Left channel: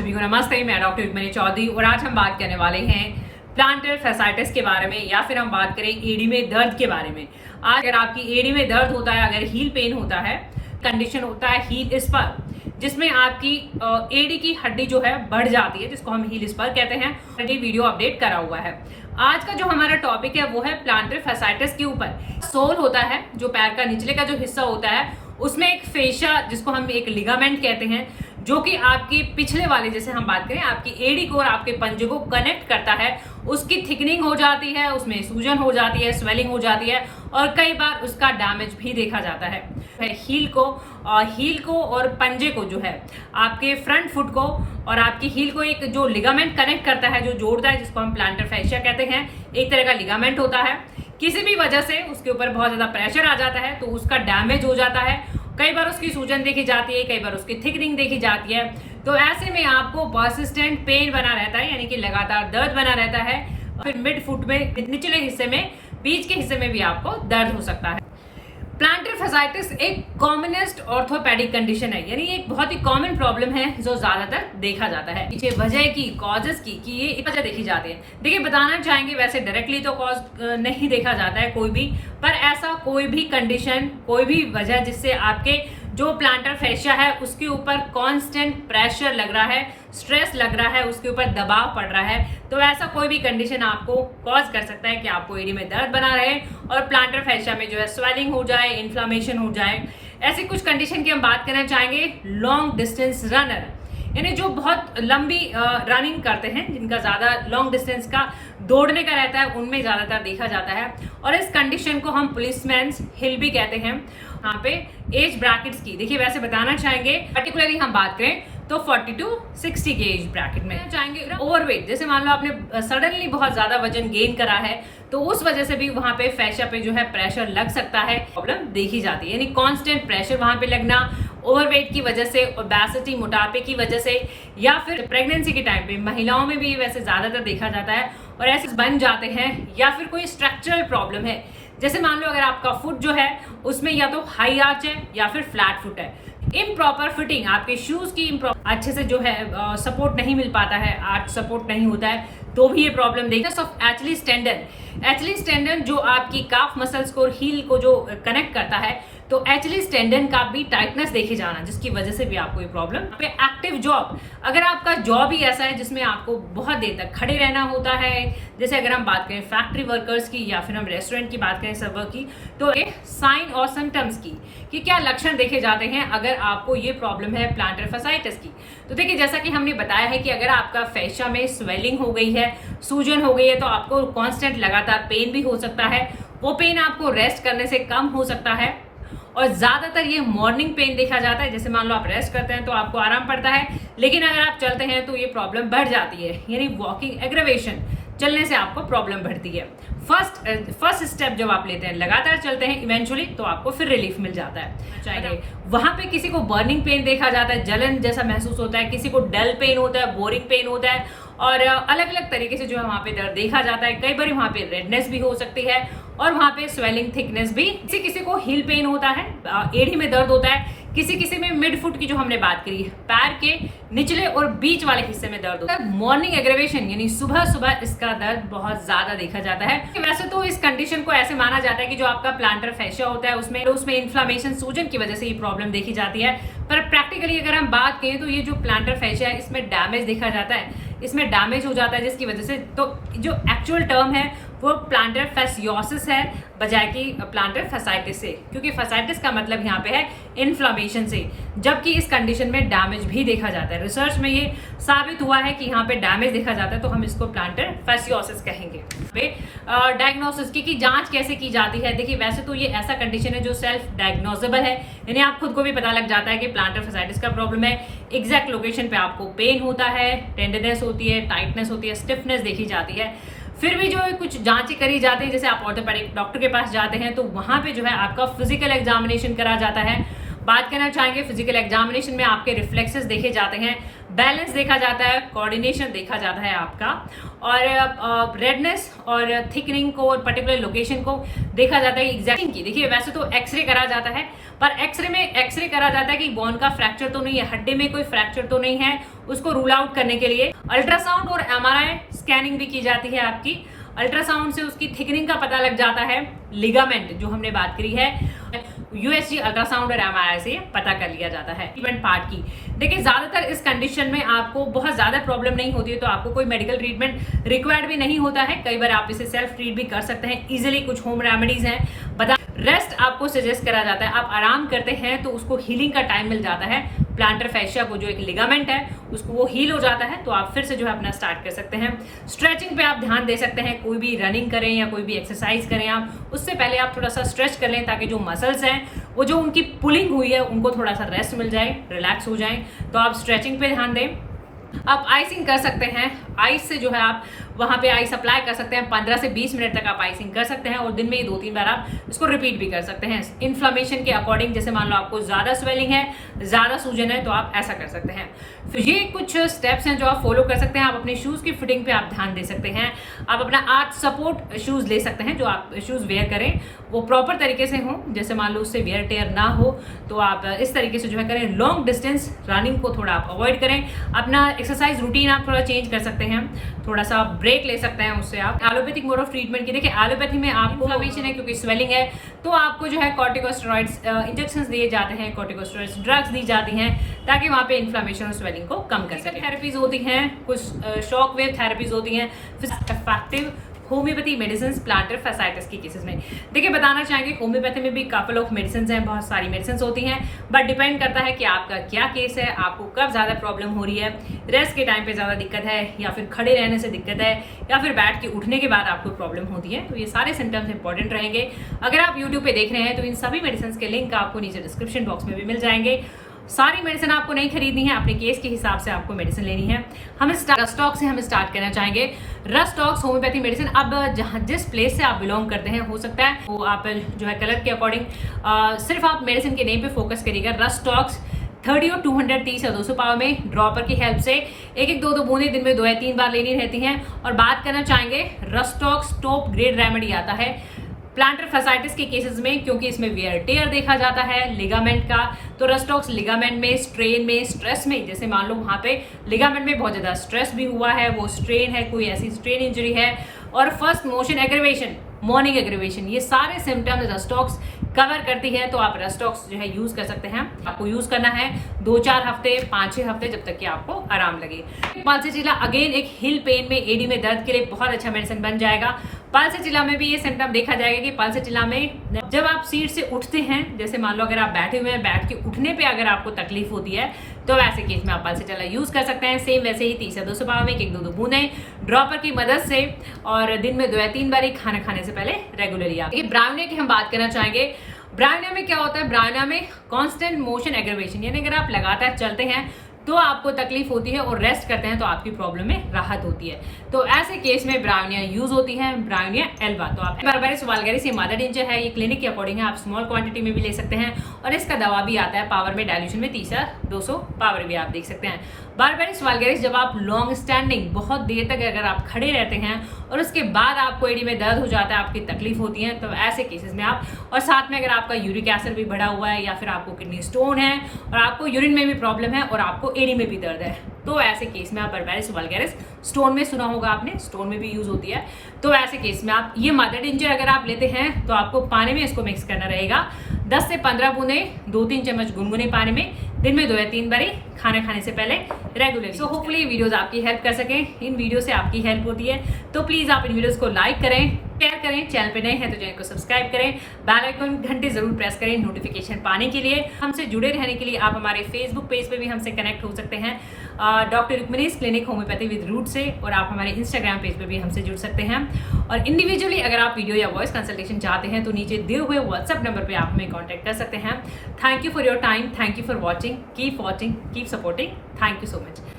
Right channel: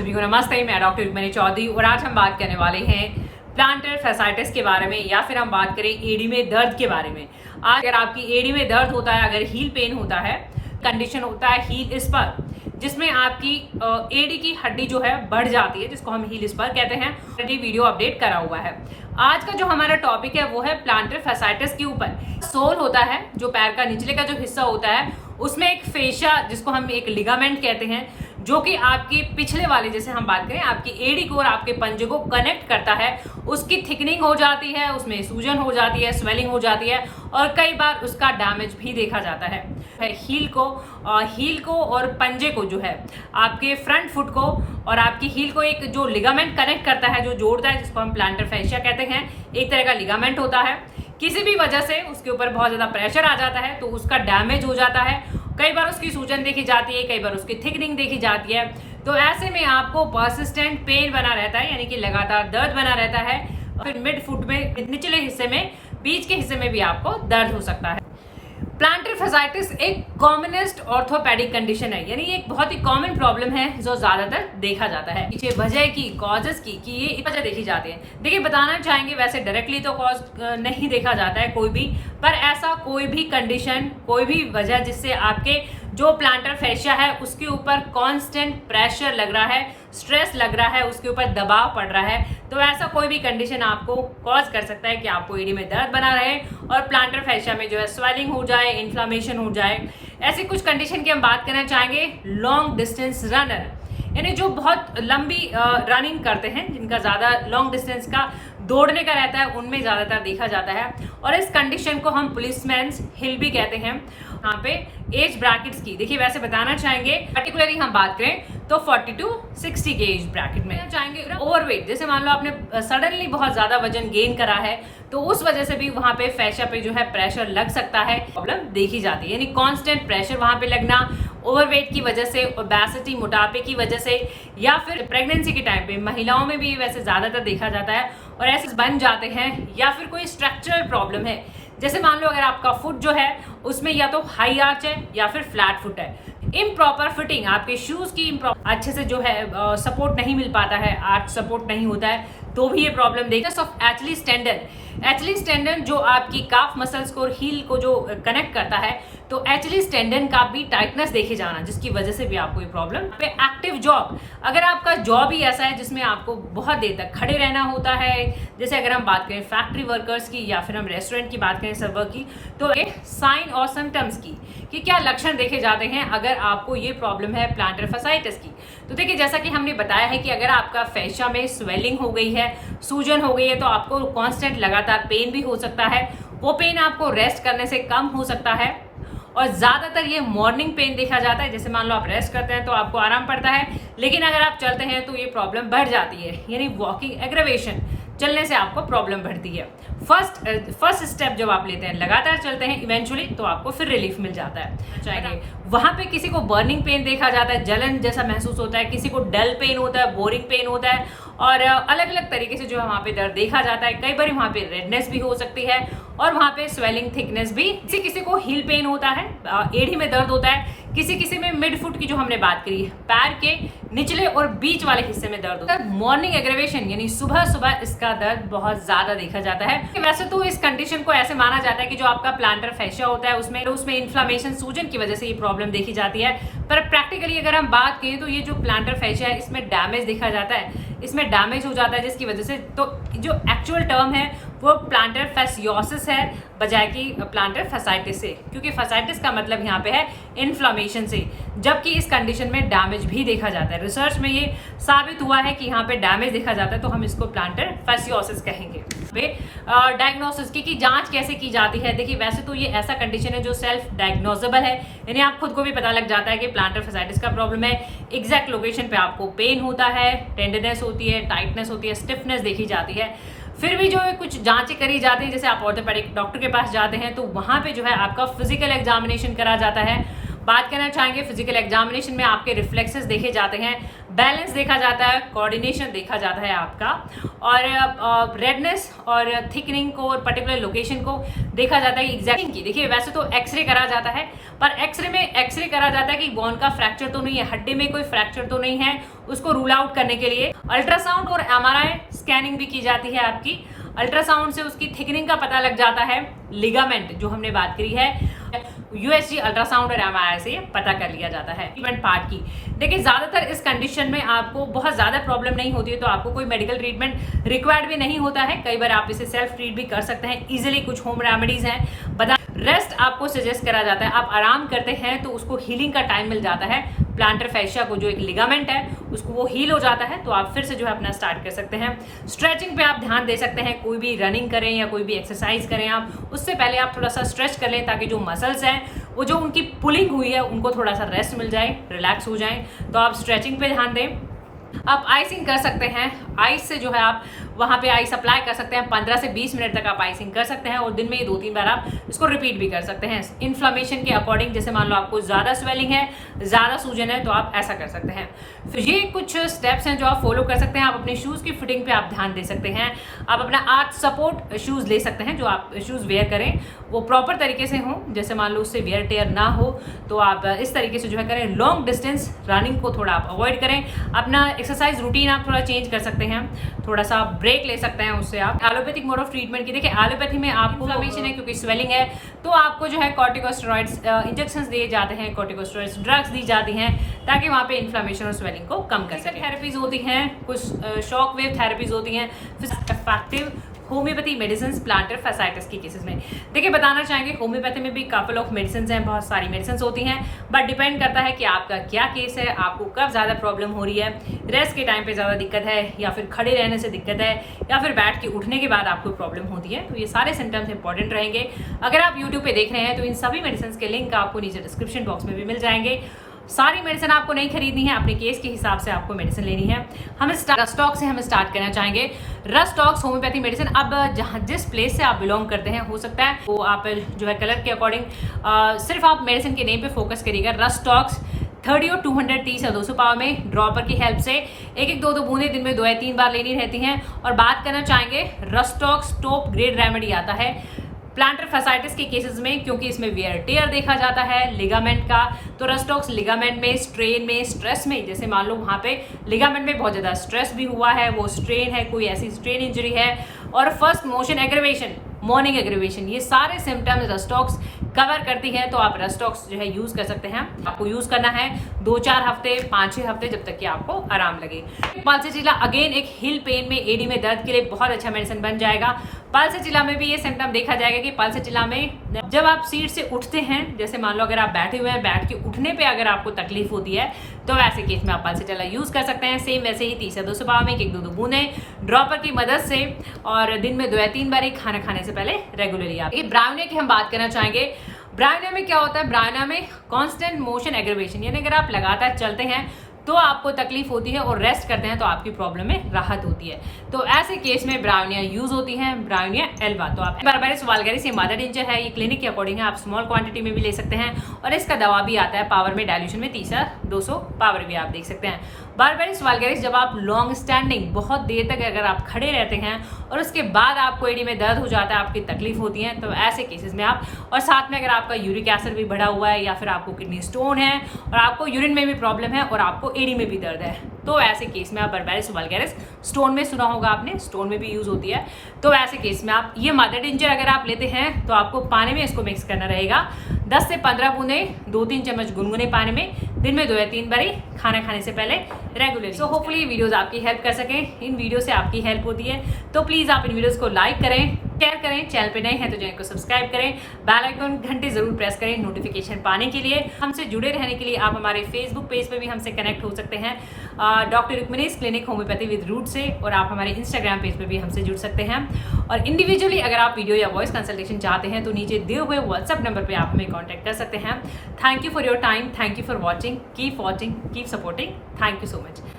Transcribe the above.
सभी को नमस्ते। मैं डॉक्टर रुक्मिणी चौधरी और आज हम बात करने वाले हैं प्लांटर फैसाइटिस के बारे में, या फिर हम बात करें एडी में दर्द के बारे में। आज अगर आपकी एडी में दर्द होता है, अगर हील पेन होता है, कंडीशन होता है हील स्पर, जिसमें आपकी एडी की हड्डी जो है बढ़ जाती है, जिसको हम हील स्पर कहते हैं। ऑलरेडी वीडियो अपडेट करा हुआ है। आज का जो हमारा टॉपिक है वो है प्लांटर फैसाइटिस के ऊपर। सोल होता है, जो पैर का निचले का जो हिस्सा होता है, उसमें एक फेशा, जिसको हम एक लिगामेंट कहते हैं, जो कि आपकी पिछले वाले, जैसे हम बात करें, आपकी एडी को और आपके पंजे को कनेक्ट करता है। उसकी थिकनिंग हो जाती है, उसमें सूजन हो जाती है, स्वेलिंग हो जाती है और कई बार उसका डैमेज भी देखा जाता है। हील को और पंजे को जो है, आपके फ्रंट फुट को और आपकी हील को एक जो लिगामेंट कनेक्ट करता है, जो जोड़ता है, जिसको हम प्लांटर फैशिया कहते हैं। एक तरह का लिगामेंट होता है। किसी भी वजह से उसके ऊपर बहुत ज्यादा प्रेशर आ जाता है तो उसका डैमेज हो जाता है। कई बार उसकी सूजन देखी जाती है, कई बार उसकी थिकनिंग देखी जाती है। तो ऐसे में आपको पर्सिस्टेंट पेन बना रहता है, यानी कि लगातार दर्द बना रहता है। फिर मिड फुट में, निचले हिस्से में, बीच के हिस्से में भी आपको दर्द हो सकता है। प्लांटर फैसाइटिस एक कॉमनेस्ट ऑर्थोपेडिक कंडीशन है, यानी एक बहुत ही कॉमन प्रॉब्लम है जो ज्यादातर देखा जाता है। पीछे वजह की, कॉजेस की, कि ये वजह देखी जाती है। देखिए, बताना चाहेंगे वैसे डायरेक्टली तो कॉज नहीं देखा जाता है कोई भी, पर ऐसा कोई भी कंडीशन, कोई भी वजह जिससे आपके जो प्लांटर फैशिया है उसके ऊपर कांस्टेंट प्रेशर लग रहा है, स्ट्रेस लग रहा है, उसके ऊपर दबाव पड़ रहा है, तो ऐसा कोई भी कंडीशन आपको कॉज कर सकता है कि आपको एडी में दर्द बना रहे और प्लांटर फैशिया में जो है स्वेलिंग हो जाए, इन्फ्लामेशन हो जाए। ऐसी कुछ कंडीशन की हम बात करना चाहेंगे। लॉन्ग डिस्टेंस रनर, यानी जो बहुत लंबी रनिंग करते हैं, जिनका ज्यादा लॉन्ग डिस्टेंस का दौड़ने का रहता है, उनमें ज्यादातर देखा जाता है। और इस कंडीशन को हम पुलिसमैन्स हिल भी कहते हैं। यहाँ पे एज ब्रैकेट्स की देखिए, वैसे बताना चाहेंगे, पर्टिकुलरली हम बात करें तो 40 to 60 के एज ब्रैकेट में चाहेंगे। ओवरवेट, जैसे मान लो आपने सडनली बहुत ज्यादा वजन गेन करा है, तो उस वजह से भी वहां पे फैशिया पे जो है प्रेशर लग सकता है, प्रॉब्लम देखी जाती है। यानी कांस्टेंट प्रेशर वहां पे लगना, ओवरवेट की वजह से, ओबेसिटी, मोटापे की वजह से, या फिर प्रेगनेंसी के टाइम पे महिलाओं में भी वैसे ज्यादातर देखा जाता है। और ऐसे बन जाते हैं, या फिर कोई स्ट्रक्चरल प्रॉब्लम है, जैसे मान लो अगर आपका फुट जो है उसमें या तो हाई आर्च है या फिर फ्लैट फुट है। इम्प्रॉपर फिटिंग, आपके शूज की अच्छे से जो है सपोर्ट नहीं मिल पाता है, आर्च सपोर्ट नहीं होता है, तो भी ये प्रॉब्लम देखते हैं। एचलीस टेंडन, एचलीस टेंडन जो आपकी काफ मसल्स को और हील को जो कनेक्ट करता है, तो एचलीस टेंडन का भी टाइटनेस देखे जाना, जिसकी वजह से भी आपको ये प्रॉब्लम। एक्टिव जॉब, अगर आपका जॉब ही ऐसा है जिसमें आपको बहुत देर तक खड़े रहना होता है, जैसे अगर हम बात करें फैक्ट्री वर्कर्स की या फिर हम रेस्टोरेंट की बात करें, सर्वर की, तो साइन और सिम्टम्स की कि क्या लक्षण देखे जाते हैं अगर आपको ये प्रॉब्लम है प्लांटर फैसाइटिस की। तो देखिए, जैसा कि हमने बताया है कि अगर आपका फैशिया में स्वेलिंग हो गई है, सूजन हो गई है, तो आपको कांस्टेंट लगातार पेन भी हो सकता है। वो पेन आपको रेस्ट करने से कम हो सकता है और ज्यादातर ये मॉर्निंग पेन देखा जाता है। जैसे मान लो आप रेस्ट करते हैं तो आपको आराम पड़ता है, लेकिन अगर आप चलते हैं तो ये प्रॉब्लम बढ़ जाती है, यानी वॉकिंग एग्रेवेशन, चलने से आपको प्रॉब्लम बढ़ती है। फर्स्ट स्टेप जब आप लेते हैं, लगातार चलते हैं, इवेंचुअली तो आपको फिर रिलीफ मिल जाता है। चाहिए वहां पे किसी को बर्निंग पेन देखा जाता है, जलन जैसा महसूस होता है, किसी को डल पेन होता है, बोरिंग पेन होता है, और अलग अलग तरीके से जो है वहां पे दर्द देखा जाता है। कई बार वहां पे रेडनेस भी हो सकती है और वहां पे स्वेलिंग, थिकनेस भी। किसी को हील पेन होता है, एड़ी में दर्द होता है, किसी में मिड फुट की जो हमने बात करी, पैर के निचले और बीच वाले हिस्से में दर्द होता है। मॉर्निंग एग्रेवेशन, यानी सुबह सुबह इसका दर्द बहुत ज्यादा देखा जाता है। वैसे तो इस कंडीशन को ऐसे माना जाता है कि जो आपका प्लांटर फैशिया होता है उसमें इन्फ्लामेशन, सूजन की वजह से ये प्रॉब्लम देखी जाती है। पर प्रैक्टिकली अगर हम बात करें तो ये जो प्लांटर फैशिया है, इसमें डैमेज देखा जाता है, इसमें डैमेज हो जाता है, जिसकी वजह से तो जो एक्चुअल टर्म है वो प्लांटर फैसियोसिस है, बजाय कि प्लांटर फैसाइटिस से, क्योंकि फैसाइटिस का मतलब यहाँ पे है इन्फ्लामेशन से, जबकि इस कंडीशन में डैमेज भी देखा जाता है। रिसर्च में ये साबित हुआ है कि यहाँ पे डैमेज देखा जाता है, तो हम इसको प्लांटर फैसियोसिस कहेंगे। डायग्नोसिस की जांच कैसे की जाती है? देखिए, वैसे तो ये ऐसा कंडीशन है जो सेल्फ डायग्नोजेबल है, यानी आप खुद को भी पता लग जाता है कि प्लांटर फैसाइटिस का प्रॉब्लम है। एग्जैक्ट लोकेशन पे आपको पेन होता है, टेंडरनेस होती है, टाइटनेस होती है, स्टिफनेस देखी जाती है। फिर भी जो कुछ जांचें करी जाती है, जैसे आप ऑर्थोपेडिक डॉक्टर के पास जाते हैं तो वहां पे जो है आपका फिजिकल एग्जामिनेशन करा जाता है, बात करना चाहेंगे फिजिकल एग्जामिनेशन में आपके रिफ्लेक्सेस देखे जाते हैं, बैलेंस देखा जाता है, कोऑर्डिनेशन देखा जाता है आपका, और रेडनेस और थिकनिंग को और पर्टिकुलर लोकेशन को देखा जाता है एग्जैक्टिंग की। देखिए वैसे तो एक्सरे करा जाता है, पर एक्सरे करा जाता है कि बोन का फ्रैक्चर तो नहीं है, हड्डी में कोई फ्रैक्चर तो नहीं है, उसको रूल आउट करने के लिए अल्ट्रासाउंड और एमआरआई स्कैनिंग भी की जाती है आपकी। अल्ट्रासाउंड से उसकी थिकनिंग का पता लग जाता है, लिगामेंट जो हमने बात करी है यूएसजी अल्ट्रासाउंड और एमआरआई से पता कर लिया जाता है इवेंट पार्ट की। देखिए ज्यादातर इस कंडीशन में आपको बहुत ज्यादा प्रॉब्लम नहीं होती है, तो आपको कोई मेडिकल ट्रीटमेंट रिक्वायर्ड भी नहीं होता है। कई बार आप इसे सेल्फ ट्रीट भी कर सकते हैं इजीली, कुछ होम रेमेडीज हैं। बता रेस्ट आपको सजेस्ट करा जाता है, आप आराम करते हैं तो उसको हीलिंग का टाइम मिल जाता है। प्लांटर फैशिया को जो एक लिगामेंट है उसको वो हील हो जाता है, तो आप फिर से जो है अपना स्टार्ट कर सकते हैं। स्ट्रेचिंग पे आप ध्यान दे सकते हैं, कोई भी रनिंग करें या कोई भी एक्सरसाइज करें आप, उससे पहले आप थोड़ा सा स्ट्रेच कर लें ताकि जो मसल्स हैं वो जो उनकी पुलिंग हुई है उनको थोड़ा सा रेस्ट मिल जाए, रिलैक्स हो जाए। तो आप स्ट्रेचिंग पे ध्यान दें। आप आइसिंग कर सकते हैं, आइस से जो है आप वहां पे आइस अप्लाई कर सकते हैं, 15 से 20 मिनट तक आप आइसिंग कर सकते हैं और दिन में ये 2-3 बार आप इसको रिपीट भी कर सकते हैं इन्फ्लेमेशन के अकॉर्डिंग। जैसे मान लो आपको ज्यादा स्वेलिंग है, ज्यादा सूजन है, तो आप ऐसा कर सकते हैं। फिर ये कुछ स्टेप्स हैं जो आप फॉलो कर सकते हैं। आप अपने शूज की फिटिंग पे आप ध्यान दे सकते हैं। आप अपना आर्च सपोर्ट शूज ले सकते हैं, जो आप शूज वेयर करें वो प्रॉपर तरीके से हो, जैसे मान लो उससे वेयर टेयर ना हो, तो आप इस तरीके से जो है करें। लॉन्ग डिस्टेंस रनिंग को थोड़ा आप अवॉइड करें। अपना एक्सरसाइज रूटीन आप थोड़ा चेंज कर सकते हैं, थोड़ा सा ब्रेक ले सकते हैं उससे आप। एलोपैथिक मोड ऑफ ट्रीटमेंट की देखिए, एलोपैथी में आपको इन्फ्लेमेशन है क्योंकि स्वेलिंग है, तो आपको जो है कॉर्टिकोस्टेरॉइड्स इंजेक्शंस दिए जाते हैं, कॉर्टिकोस्टेरॉइड्स ड्रग्स दी जाती हैं ताकि वहां पे इन्फ्लेमेशन और स्वेलिंग को कम कर सके। थेरेपीज होती हैं, कुछ शॉक वेव थेरेपीज होती हैं, फिर effective homeopathy medicine planter fasciitis की केसेस में। देखिए बताना चाहेंगे होम्योपैथी में भी कपल ऑफ मेडिसिन हैं, बहुत सारी मेडिसिन होती हैं, बट डिपेंड करता है कि आपका क्या केस है, आपको कब ज्यादा प्रॉब्लम हो रही है। रेस्ट के टाइम पे ज्यादा दिक्कत है, या फिर खड़े रहने से दिक्कत है, या फिर बैठ के उठने के बाद आपको प्रॉब्लम होती है, तो ये सारे सिम्टम्स इंपॉर्टेंट रहेंगे। अगर आप यूट्यूब पे देख रहे हैं तो इन सभी मेडिसिन के लिंक आपको नीचे डिस्क्रिप्शन बॉक्स में भी मिल जाएंगे। सारी मेडिसिन आपको नहीं खरीदनी है, अपने केस के हिसाब से आपको मेडिसिन लेनी है। हम रस्टॉक्स से हम स्टार्ट करना चाहेंगे। रस्टॉक्स होम्योपैथी मेडिसिन, अब जहाँ जिस प्लेस से आप बिलोंग करते हैं हो सकता है वो आप जो है कलर के अकॉर्डिंग सिर्फ आप मेडिसिन के नेम पे फोकस करिएगा। रस्टॉक्स 30 और 230 या 200 पावर में ड्रॉपर की हेल्प से 1-2 बूंदे दिन में 2 या 3 बार लेनी रहती हैं। और बात करना चाहेंगे रस्टॉक्स टॉप ग्रेड रेमेडी आता है प्लांटर फैसाइटिस के केसेस में, क्योंकि इसमें वेयर टेयर देखा जाता है लिगामेंट का, तो रस्टॉक्स लिगामेंट में स्ट्रेन में स्ट्रेस में, जैसे मान लो वहां पे लिगामेंट में बहुत ज्यादा स्ट्रेस भी हुआ है, वो स्ट्रेन है, कोई ऐसी स्ट्रेन इंजरी है, और first motion aggravation, morning aggravation, ये सारे सिम्टम्स रस्टॉक्स कवर करती है। तो आप रस्टॉक्स जो है यूज कर सकते हैं। आपको यूज करना है 2-4 हफ्ते, 5-6 हफ्ते, जब तक कि आपको आराम लगे। पाल्सेचिला अगेन एक हिल पेन में, एडी में दर्द के लिए बहुत अच्छा मेडिसिन बन जाएगा। पाल्सेचिला में भी ये सिम्टम देखा जाएगा कि पाल्सेचिला में जब आप सीट से उठते हैं, जैसे मान लो अगर आप बैठे हुए हैं, बैठ के उठने पे अगर आपको तकलीफ होती है तो ऐसे केस में आप पाल्सेचिला यूज कर सकते हैं। सेम वैसे ही 30 या 200 पावर में 1-2 बूंदे ड्रॉपर की मदद से, और दिन में 2 या 3 बार खाना खाने से पहले रेगुलरली। आप ब्राउनिया की हम बात करना चाहेंगे। ब्राउनिया में क्या होता है, ब्राउनिया में कांस्टेंट मोशन एग्रीवेशन, यानी अगर आप लगातार चलते हैं तो आपको तकलीफ होती है, और रेस्ट करते हैं तो आपकी प्रॉब्लम में राहत होती है। तो ऐसे केस में ब्राउनिया यूज होती है, ब्राउनिया एल्बा। तो आप बारबेरिस वल्गैरिस ये मदर टिंचर है, ये क्लिनिक के अकॉर्डिंग है, आप स्मॉल क्वांटिटी में भी ले सकते हैं, और इसका दवा भी आता है पावर में डाइल्यूशन में 30 या 200 पावर भी आप देख सकते हैं। बारबेरिस वल्गैरिस जब आप लॉन्ग स्टैंडिंग बहुत देर तक अगर आप खड़े रहते हैं और उसके बाद आपको एडी में दर्द हो जाता है, आपकी तकलीफ होती है, तो ऐसे केसेस में आप, और साथ में अगर आपका यूरिक एसिड भी बढ़ा हुआ है, या फिर आपको किडनी स्टोन है और आपको यूरिन में भी प्रॉब्लम है और आपको एडी में भी दर्द है, तो ऐसे केस में आप बारबेरिस वल्गैरिस, स्टोन में सुना होगा आपने, स्टोन में भी यूज होती है, तो ऐसे केस में आप ये मदर टिंचर अगर आप लेते हैं तो आपको पानी में इसको मिक्स करना रहेगा। 10 से 15 बूंदे 2-3 चम्मच गुनगुने पानी में दिन में 2 या 3 बारी खाना खाने से पहले रेगुलरली। सो होपफुली वीडियोस आपकी हेल्प कर सकें। इन वीडियो से आपकी हेल्प होती है तो प्लीज आप इन वीडियोस को लाइक करें, शेयर करें, चैनल पे नए हैं तो चैनल को सब्सक्राइब करें, बेल आइकन घंटे जरूर प्रेस करें नोटिफिकेशन पाने के लिए। हमसे जुड़े रहने के लिए आप हमारे फेसबुक पेज पे भी हमसे कनेक्ट हो सकते हैं, doctor Rukmini's clinic homeopathy with root से, और आप हमारे इंस्टाग्राम पेज पे भी हमसे जुड़ सकते हैं। और इंडिविजुअली अगर आप वीडियो या वॉइस कंसल्टेशन चाहते हैं तो नीचे दिए हुए व्हाट्सएप नंबर पे आप हमें कॉन्टैक्ट कर सकते हैं। Thank you for your time, thank you for watching, keep supporting, thank you so much.